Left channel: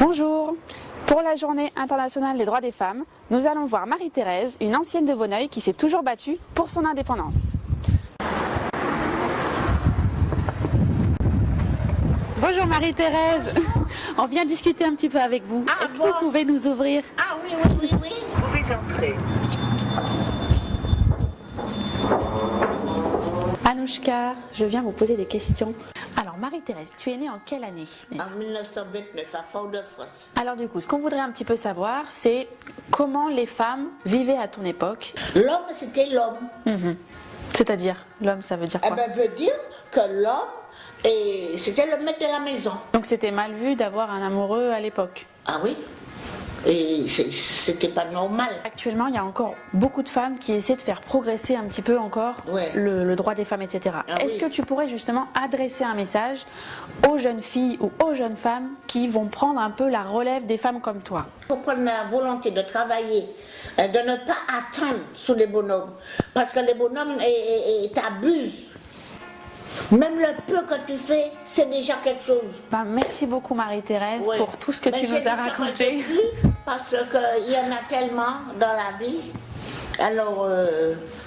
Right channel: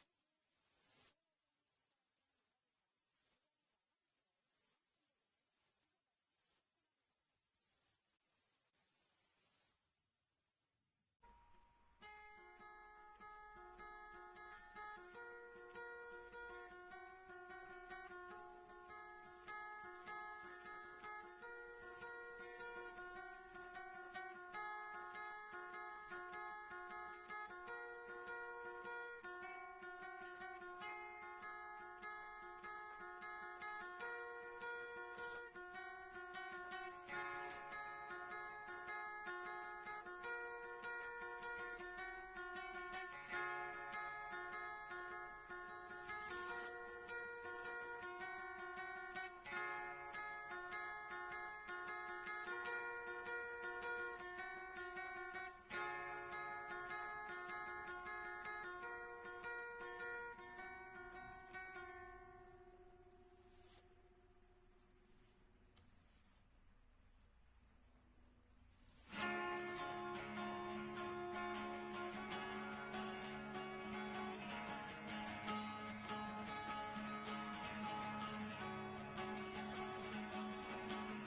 Bonjour. Pour la journée internationale des droits des femmes, nous allons voir Marie-Thérèse, une ancienne de Bonneuil qui s'est toujours battue pour son indépendance. Bonjour Marie-Thérèse. On vient discuter un petit peu avec vous. Est-ce que vous pouvez nous ouvrir? Ah oui, vous pouvez entrer. Anouchka, je viens vous poser des questions. Alors Marie-Thérèse, tu es née en quelle année? En 1929, à Fort-de-France. Alors du coup, ce qu'on voudrait un petit peu savoir, c'est comment les femmes vivaient à ton époque. L'homme, c'était l'homme. C'est-à-dire, l'homme, ça veut dire Eh quoi? bien, veut dire que l'homme, c'était le maître de la maison. Donc c'était mal vu d'avoir un amoureux à l'époque. Ah oui. Et c'était pas normal. Actuellement, il y a encore beaucoup de femmes qui essaient de faire progresser un petit peu encore Ouais. le droit des femmes, etc. Ah Est-ce oui. que tu pourrais justement adresser un message aux jeunes filles ou aux jeunes femmes qui vont prendre un peu la relève des femmes comme toi? Il faut prendre la volonté de travailler, de ne pas attendre sous les bonhommes. Parce que les bonhommes t'abusent. Même le peu que tu fais, c'est déjà quelque chose. Ben, merci beaucoup Marie-Thérèse Ouais. pour tout ce que Mais tu j'ai nous as dit ça quand j'ai raconté. pu, parce qu'il y en a tellement dans la vie. Alors,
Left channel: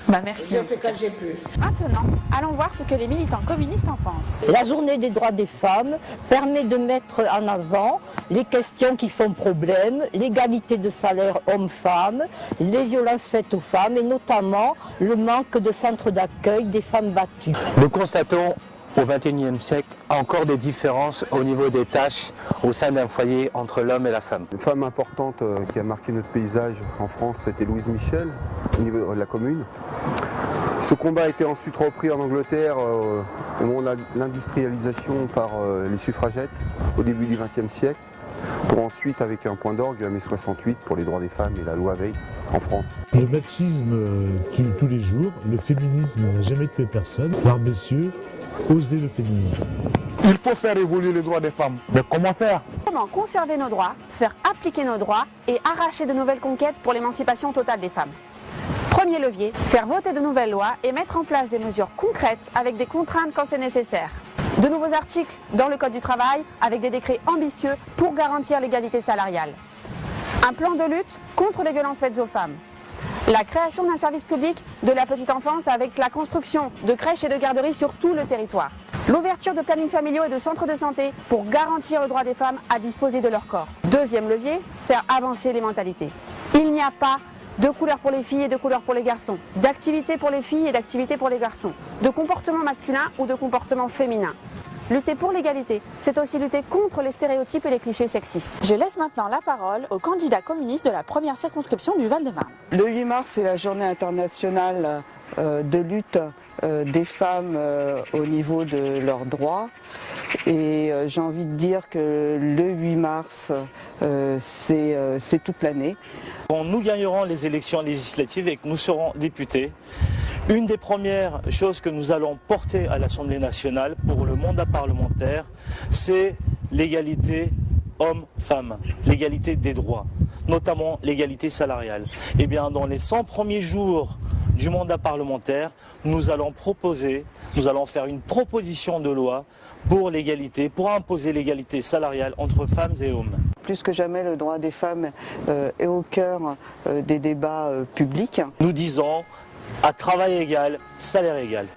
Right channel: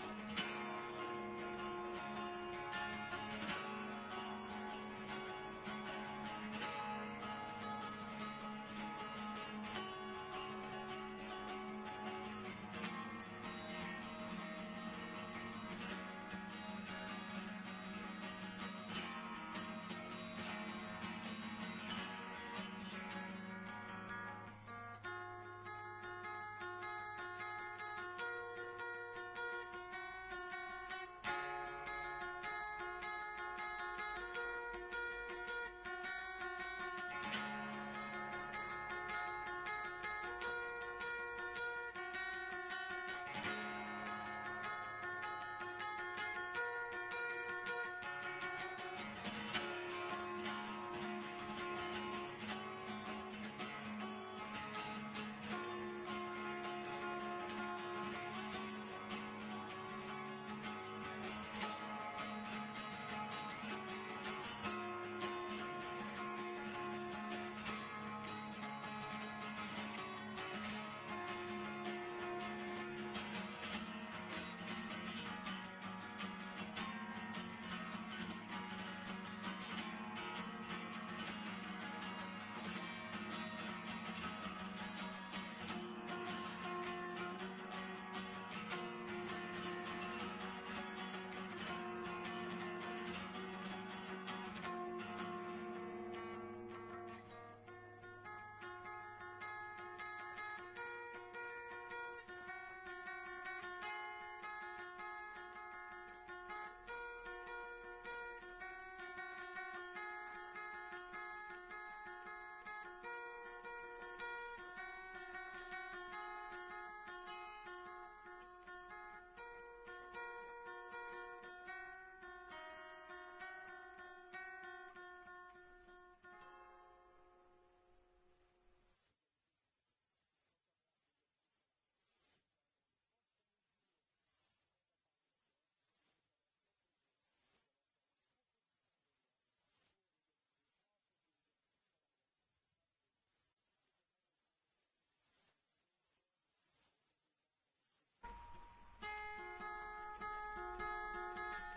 Ben, merci. j'ai en fait tout cas. que j'ai pu. Maintenant, allons voir ce que les militants communistes en pensent. La journée des droits des femmes permet de mettre en avant les questions qui font problème, l'égalité de salaire homme-femme, les violences faites aux femmes et notamment le manque de centres d'accueil des femmes battues. Nous constatons au XXIe siècle encore des différences au niveau des tâches au sein d'un foyer entre l'homme et la femme. Une femme importante qui a marqué notre paysage en France, c'était Louise Michel, au niveau de la commune. Ce combat a été ensuite repris en Angleterre au moment de l'industrialisation par les suffragettes au début du XXe siècle, pour ensuite, avec un point d'orgue, mai 68 pour les droits des femmes et la loi Veil en France. Le machisme tue tous les jours, le féminisme n'a jamais tué personne. Alors messieurs, osez le féminisme. Il faut faire évoluer les droits des femmes. Mais comment faire? Comment conserver nos droits, faire appliquer nos droits et arracher de nouvelles conquêtes pour l'émancipation totale des femmes. Premier levier, faire voter de nouvelles lois et mettre en place des mesures concrètes avec des contraintes quand c'est nécessaire. De nouveaux articles dans le Code du travail avec des décrets ambitieux pour garantir l'égalité salariale. Un plan de lutte contre les violences faites aux femmes. La création d'un service public de la petite enfance avec la construction de crèches et de garderies sur tout le territoire. L'ouverture de plannings familiaux et de centres de santé pour garantir le droit des femmes à disposer de leur corps. Deuxième levier, faire avancer les mentalités. Il n'y a pas de couleurs pour les filles et de couleurs pour les garçons, d'activités pour les filles et d'activités pour les garçons, de comportement masculin ou de comportement féminin. Lutter pour l'égalité, c'est aussi lutter contre les stéréotypes et les clichés sexistes. Je laisse maintenant la parole au candidat communiste de la première circonscription du Val-de-Marne. Le 8 mars, c'est la journée internationale de lutte des femmes au niveau de leurs droits. Et j'ai envie de dire que le 8 mars, c'est toute l'année. Quand nous gagnerons les élections législatives et que nous serons députés, une des premières choses que nous allons porter à l'Assemblée nationale pour le mandat parlementaire, c'est l'égalité homme-femme, l'égalité des droits, notamment l'égalité salariale. Et bien, dans les 100 premiers jours du mandat parlementaire, nous allons faire une proposition de loi pour l'égalité, pour imposer l'égalité salariale entre femmes et hommes. Plus que jamais, le droit des femmes est au cœur des débats publics. Nous disons à travail égal, salaire égal.